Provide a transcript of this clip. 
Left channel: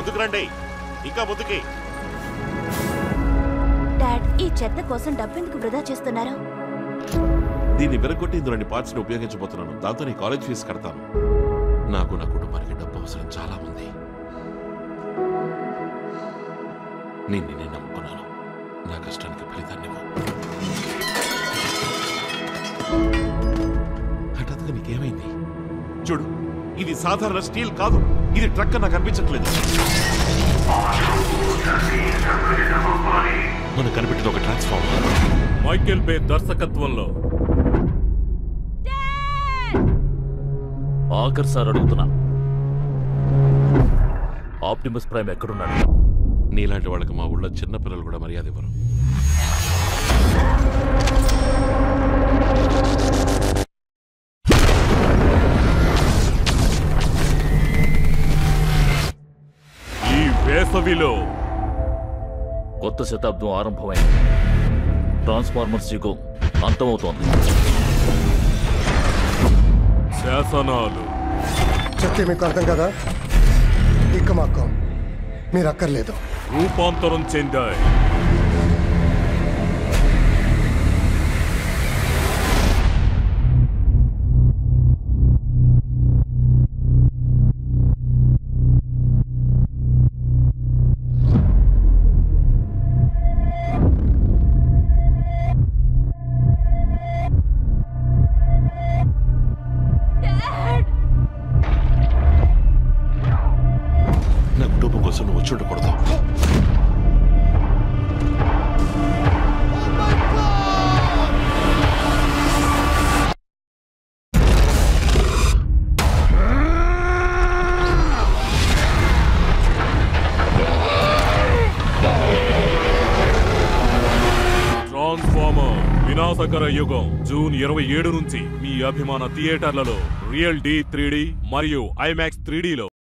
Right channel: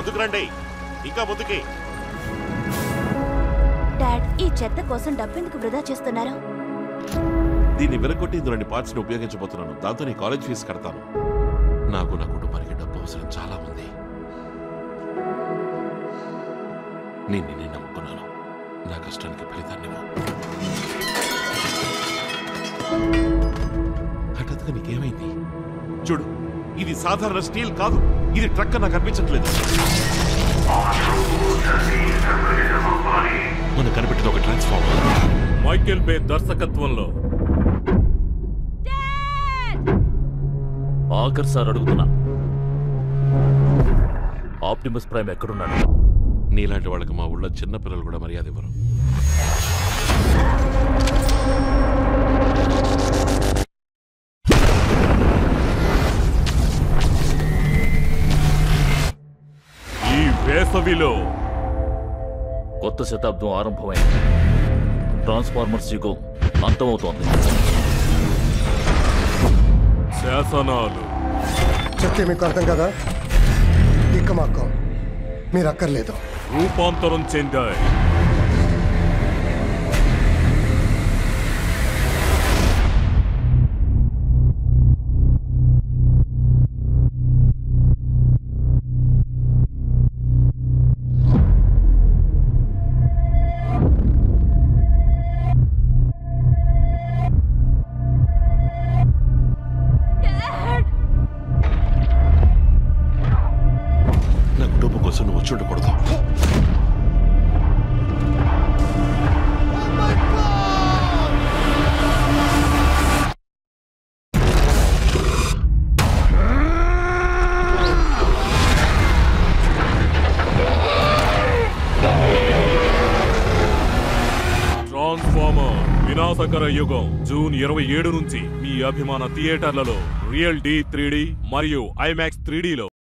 ముందుకు రండి, ఇంకా ముందుకి. డాడ్, ఈ చెత్త కోసం డబ్బెందుకు వృధా చేస్తున్నారు? దీన్ని విరగొట్టి ఇందులోని పార్ట్స్ ని ఉపయోగించబోతున్నాను. దాంతో నీ కాలేజ్ ఫీజు కడతాను. నాకు నా కుటుంబానికి డబ్బు అవసరం చాలా ఉంది. నేను నమ్ముకున్నాను. నా కష్టానికి ఫలితాన్ని హఠాత్తుగా నీకేమైంది? చూడు, ఇది సాధారణ స్టీల్ కాదు, ఇది ట్రక్ నాకు అనిపించట్లేదు. మనకు కనిపెట్టింది ఒక ట్రాన్స్ఫార్మర్. మైకేల్ బే దర్శకత్వంలో. ఆఖర్ సార్ అడుగుతున్నా, ఆప్టిమస్ ప్రైమ్ ఎక్కడున్నాడు? నీలాంటి వాళ్ళకి మా ఊళ్ళో చిన్నపిల్లలు కూడా మర్యాద ఇవ్వరు. ఈ వేసవిలో కొత్త శతాబ్దం ఆరంభమైంది. ట్రాన్స్ఫార్మర్స్ యుగం అంతమవుతోంది. శాసనాలు చెప్తే మీకు అర్థం కదా? ఇక మాకు మీరు అక్కర్లేదు. రూపాంతరం చెందాయి. నా కుటుంబం కోసం నువ్వు వచ్చి ఉండకూడదు. ట్రాన్స్ఫార్మర్ వినాశకర యుగం జూన్ 27 నుంచి మీ అభిమాన థియేటర్లలో రియల్ డి 3D మరియు ఐమాక్స్ 3Dలో.